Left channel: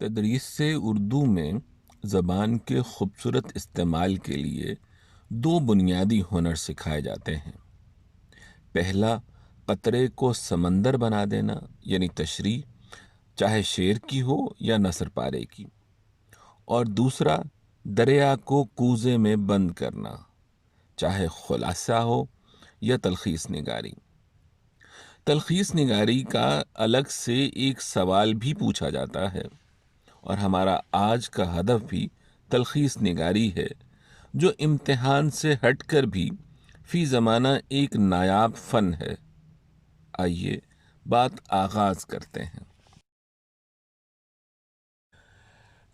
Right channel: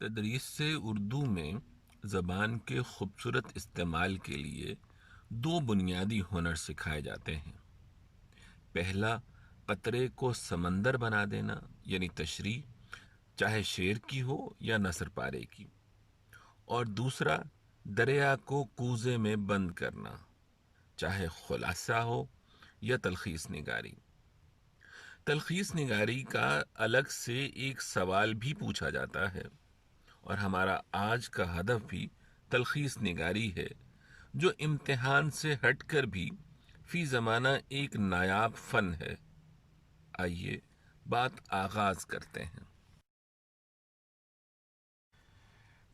تدریس سے اردو میں زبان کے خوبصورت استعمال کے لیے دو بنیادی ہنر سکھائے جاتے ہیں۔ پہلا، قطرے کو سمندر بنا دینا یعنی تشریح، چاہے شعر کی ہو یا نثر پارے کی، اور دوسرا، دریا کو کوزے میں بند کرنا، چاہے خلاصہ ہو یا تلخیص نگاری۔ تلخیص نگاری کا الگ سے ایک سوال بھی پوچھا جاتا ہے، اور ہمارا آج کا ہدف بھی تلخیص نگاری ہے، جو امتحان سے ہٹ کر بھی فی زمانہ ایک نایاب فن ہے۔ آئیے بات آغاز کرتے ہیں۔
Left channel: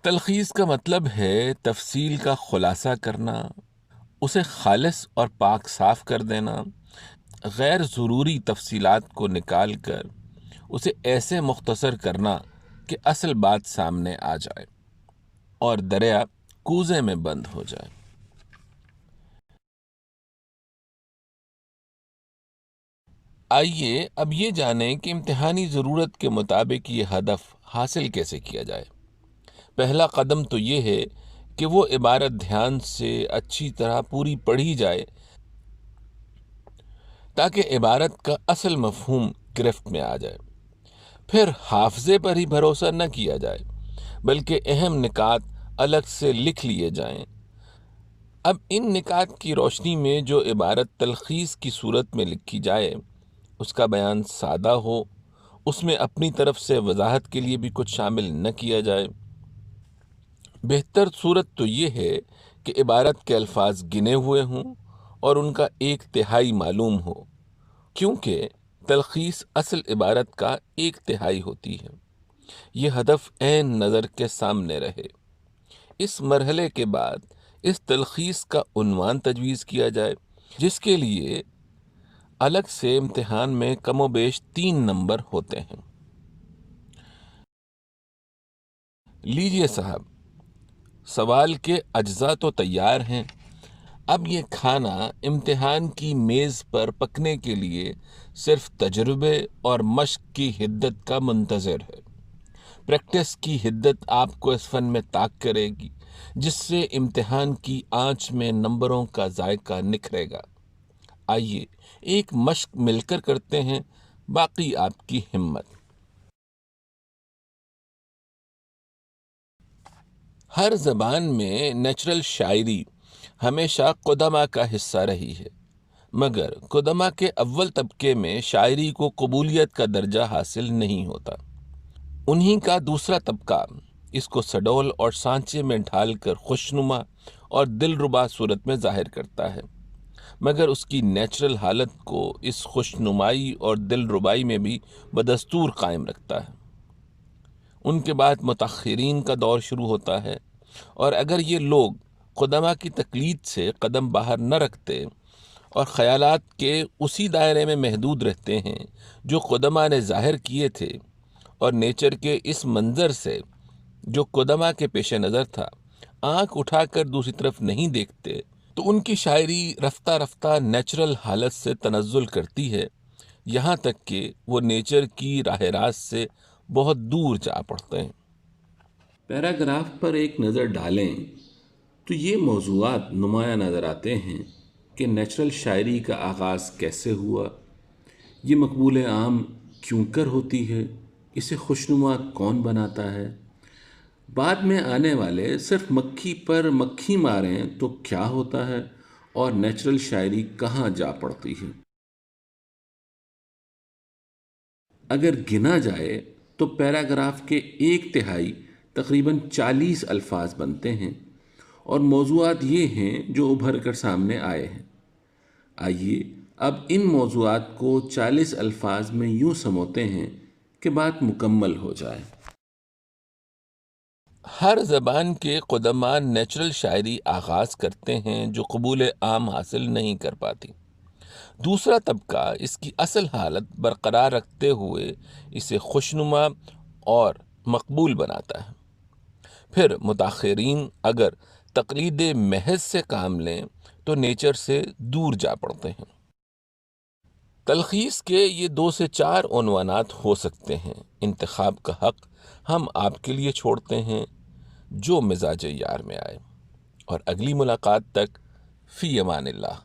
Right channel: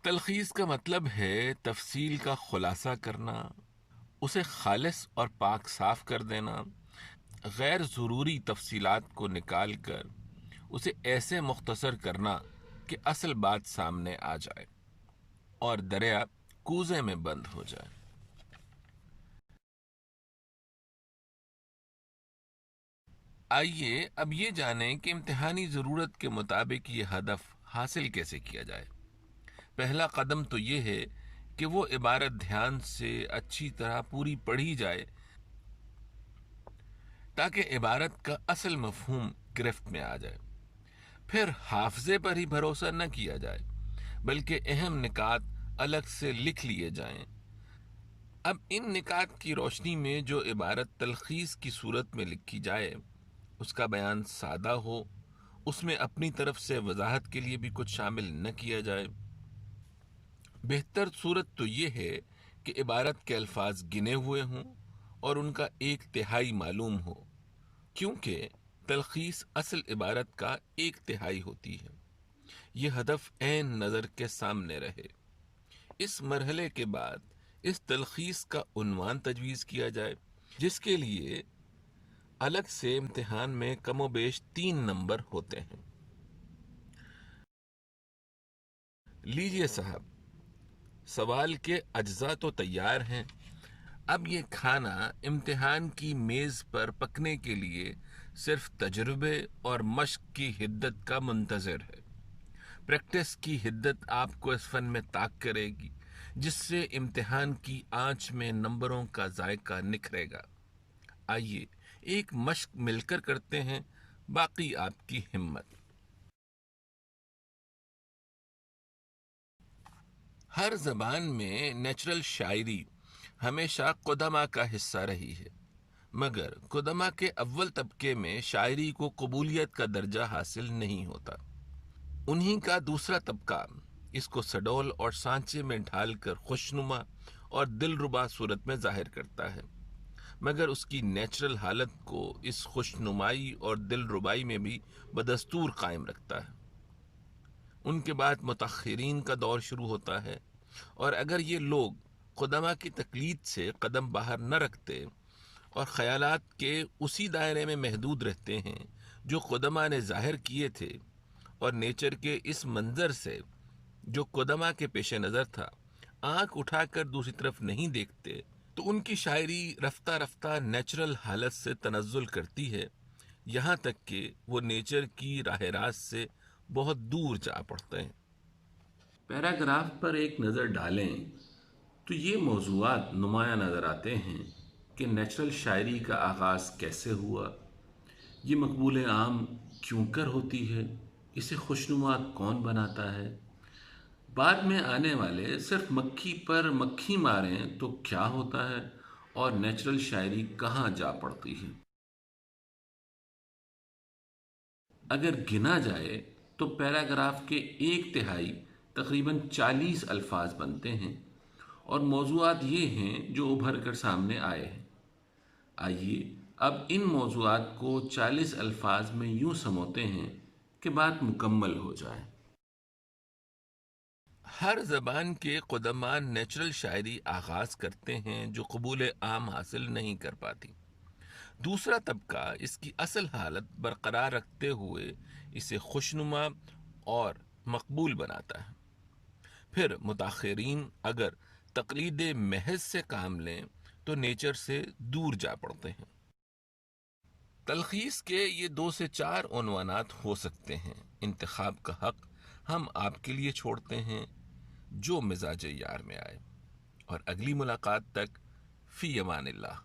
تلخیص کا مطلب ہے تفصیل کا خلاصہ کرنا، اسے خالص اور پاک صاف کر دینا، غیر ضروری تفصیلات کو نکال کر اسے ایسے مختصر کرنا کہ اصل بات سامنے آ جائے اور دریا کوزے میں بند ہو جائے۔ آئیے اب یہ جانیں کہ امتحانی ضرورت کے مطابق یہ ہدف حاصل کیسے کیا جائے۔ پہلا قدم تو یہ ہے کہ وہ عبارت دھیان سے اچھی طرح پوری پڑھی جائے تاکہ عبارت کا اصل مفہوم گرفت میں آ جائے۔ پھر حافظے پر ہی بھروسہ نہ کیا جائے، بلکہ اہم نکات الگ سے لکھ لیے جائیں۔ اب ان نکات کی روشنی میں جو عبارت تلخیص کی صورت میں لکھی جائے، اس کا بیان سادہ ہو، اس میں اپنی طرف سے وضاحت کے لیے بھی کچھ شامل نہ کیا جائے۔ بہتر صورت تو یہ ہے کہ عبارت کے الفاظ گنے ہوئے ہوں اور ان کا ایک تہائی معلوم ہو، کیونکہ تلخیص اصل عبارت کا ایک تہائی ہوتی ہے۔ یہ ہدف عین نظر کے سامنے رہے۔ اس مرحلے کے بعد اس تلخیص کا عنوان تجویز کیا جائے، جس کے لیے الگ سے امتحان میں کم و بیش 3 نمبر ہوتے ہیں۔ لیجئے صاحب، سوال کے اجزاء تو تیار ہیں، اب یہ کھانا امتحان کی میز پر پکنے کے لیے صرف تجربے اور مشق کی حدت کا منتظر ہے۔ پریکٹس کی حدت آپ کو اس فن میں طاق کرے گی، جس سے امتحان کی آنچ میں نمبروں کا ذائقہ نکھرے گا۔ آئیے ایک مشق مل کر کرتے ہیں، باقی آپ کی ہمت۔ ہر زبان میں نیچرل شاعری ہمیشہ قدماء کا حصہ رہی ہے، مگر قدماء کے اول طبقے میں شاعری کو قبولیت کا درجہ حاصل نہیں ہوتا۔ انہی کا دوسرا طبقہ اس کو سڈول اور سانچے میں ڈھال کر خوشنما اور دلربا صورت میں ظاہر کرتا ہے، مگر اس کی نیچرل حالت کو اس خوشنمائی اور دلربائی میں بھی بدستور قائم رکھتا ہے۔ ان کے بعد متاخرین کا دور شروع ہوتا ہے، اور اگر یہ لوگ قدماء کی تقلید سے قدم باہر نہ رکھتے اور خیالات کے اسی دائرے میں محدود رہتے ہیں جو قدماء نے ظاہر کیے تھے، اور نیچر کے اس منظر سے جو قدماء کے پیش نظر تھا آنکھ اٹھا کر دوسری طرف نہیں دیکھتے، تو ان کی شاعری رفتہ رفتہ نیچرل حالت سے تنزل کرتی ہے، یہاں تک کہ وہ نیچر کی راہ راست سے بہت دور جا پڑتے ہیں۔ پیراگراف پر ایک نظر ڈالیں تو یہ موضوعات نمایاں نظر آتے ہیں کہ نیچرل شاعری کا آغاز کیسے ہوا، یہ مقبول عام کیوں کر ہوتی ہے، اسے خوشنما کون بناتا ہے، بعد میں آنے والے صرف مکھی پر مکھی ماریں تو کیا ہوتا ہے، اور نیچرل شاعری کہاں جا پڑتی ہے۔ اگر گنا جائے تو پیراگراف کے ایک تہائی تقریباً 40 الفاظ بنتے ہیں، اور موضوعات یہ ہیں جو ابھر کر سامنے آئے ہیں۔ آئیے اب ان موضوعات کو 40 الفاظ میں یوں سموتے ہیں کہ بات مکمل ہو جائے۔ ہر زبان کے قدماء نیچرل شاعری آغاز کرتے ہیں جو قبول عام حاصل نہیں کر پاتی۔ دوسرا طبقہ اس کی اصل حالت برقرار رکھتے ہوئے اسے خوشنما اور مقبول بناتا ہے۔ پھر متاخرین اگر تقلید محض سے کام لیں تو نیچر سے دور جا پڑتے ہیں۔ تلخیص کے یہ 2 سے 4 عنوانات ہو سکتے ہیں۔ انتخاب کا حق ہم آپ کے لیے چھوڑتے ہیں جو مزاج یار میں آئے، اور اگلی ملاقات تک فی امان اللہ۔